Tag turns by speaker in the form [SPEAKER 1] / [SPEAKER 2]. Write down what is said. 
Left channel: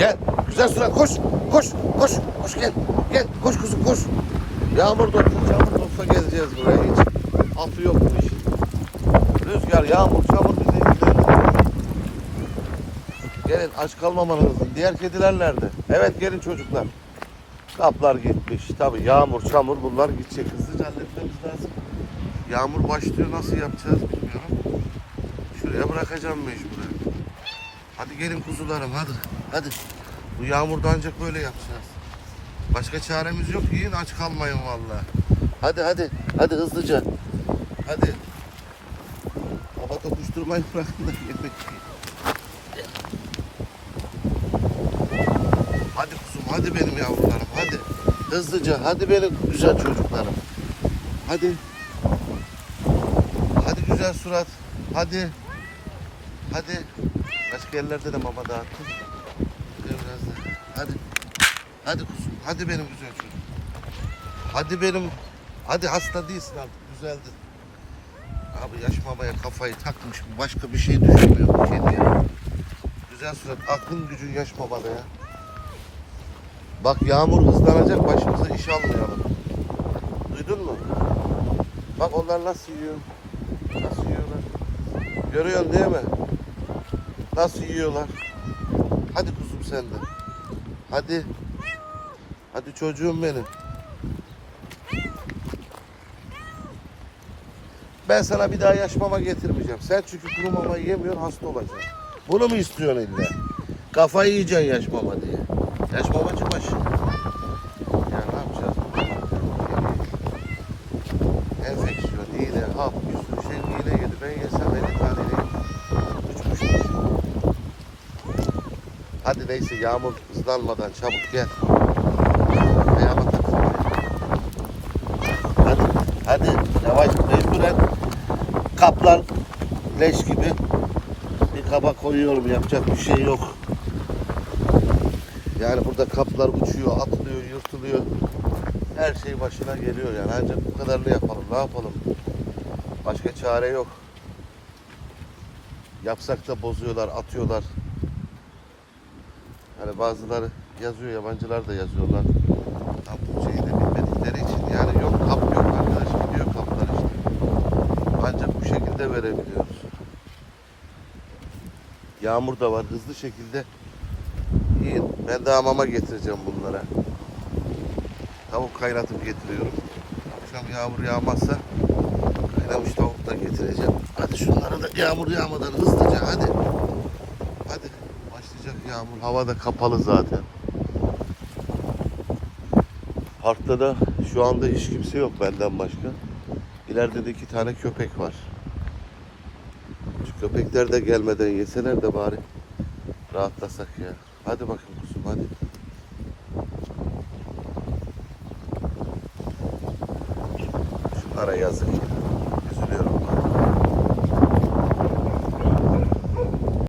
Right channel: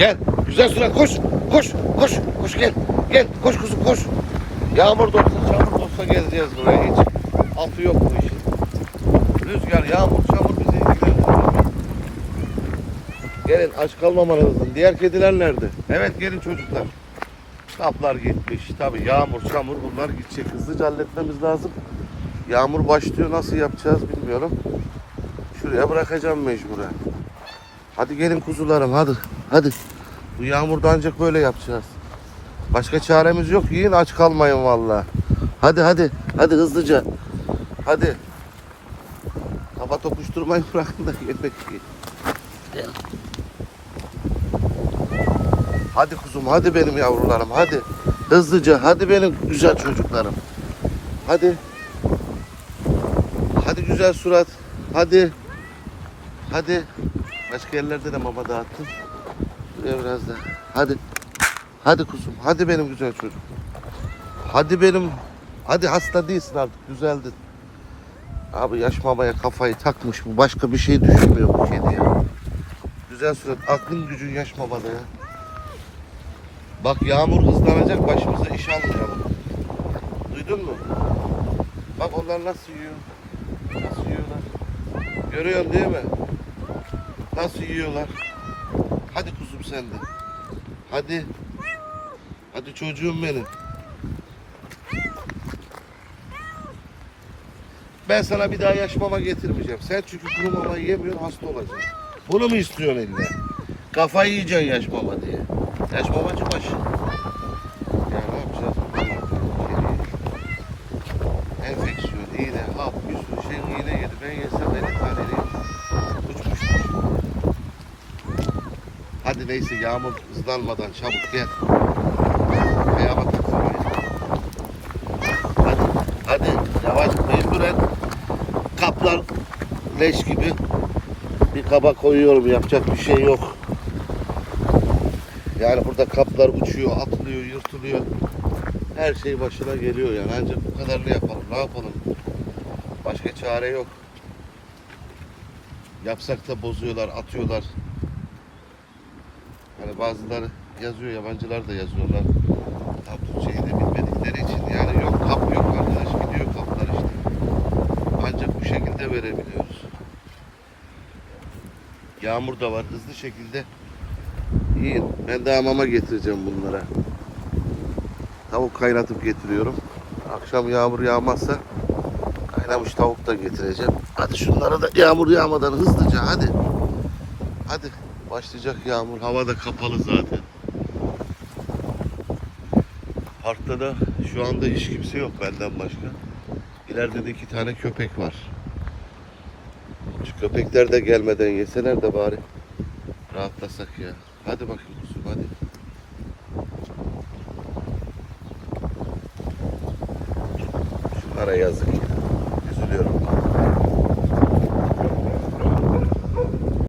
[SPEAKER 1] Gel. Güzel surat koş. Koş. Koş. Koş gel. Gel. Koş kızım koş. Yağmur çamur da olsa geleceğiz buraya hiç. Altı yok bu işin. Rüzgar, yağmur, çamur. Gelin aç kalmamalısın. Diğer kediler nerede? Evet gelin çocuklar. Kaplar gitmiş. Tabii yağmur, çamur bunlar gidecek. Hızlıca halletmemiz lazım. Yağmur başlıyor. Nasıl yapacağız bilmiyorum. Şuraya bırakacağım mecburen. Hadi gelin kuzularım hadi. Hadi. Bu yağmurda ancak böyle yapacağız. Başka çaremiz yok. Yiyin aç kalmayın vallahi. Hadi hadi. Hadi hızlıca. Hadi. Kafa tokuşturmayı bırakın da yemek yiyin. Hadi kuzum hadi benim yavrularım hadi. Hızlıca hadi benim güzel çocuklarım. Hadi. Hadi güzel surat. Hadi. Hadi. Başka yerlerde de mama dağıttım. Şuraya biraz. Hadi. Hadi kuzum. Hadi benim güzel çocuğum. Hadi benim. Hadi hasta değilsin artık. Düzeldin. Abi yaş mamaya kafayı takmış bu. Başka bir şey düşünmüyor bu kedi ya. Güzel surat. Aklın gücün yaş mamada ya. Bak yağmur hızlanacak başımıza iş almayalım. Duydun mu? Bak onlar nasıl yiyor. Nasıl yiyorlar. Görüyorsun değil mi? Nasıl yiyorlar. Hadi kuzum sen de. Hadi. Hadi çocuğum benim. Ben sana bir daha yaş mama getirmeyeceğim. Sen çünkü kuru mama yemiyorsun hasta olacaksın. Bunu mu istiyorsun illa? Kafayı yiyeceksin yaş mama diye. Yaş mamacı baş. Ya ne yapacağız? Enfeksiyon, iğne, hap, bir sürü şey iğne yedi. Ben yesem elli tane iğne uçmuştur. Hadi neyse yağmur hızlanmadan çabuk gel. Ayağıma taktırmayın. Hadi, hadi yavaş mecburen kaplar leş gibi bir kaba koyuyorum yapacak bir şey yok. Yani burada kaplar uçuyor, atılıyor, yırtılıyor. Her şey başına geliyor yani ancak bu kadarını yapalım. Ne yapalım? Başka çare yok. Yapsak da bozuyorlar, atıyorlar. Bazıları yazıyor, yabancılar da yazıyorlar. Tam Türkçeyi de bilmedikleri için yani yok kap yok arkadaş gidiyor kaplar işte. Ancak bu şekilde verebiliyoruz. Yağmur da var hızlı şekilde yiyin. Ben de mama getireceğim bunlara. Tavuk kaynatıp getiriyorum. Akşam yağmur yağmazsa kaynamış tavuk da getireceğim. Hadi şunlara da yağmur yağmadan hızlıca hadi. Hadi başlayacak yağmur. Hava da kapalı zaten. Parkta da şu anda hiç kimse yok benden başka. İleride de iki tane köpek var. Şu köpekler de gelmeden yeseler de bari rahatlasak ya. Hadi bakayım kuzum hadi. Şunlara yazık ya. Üzülüyorum.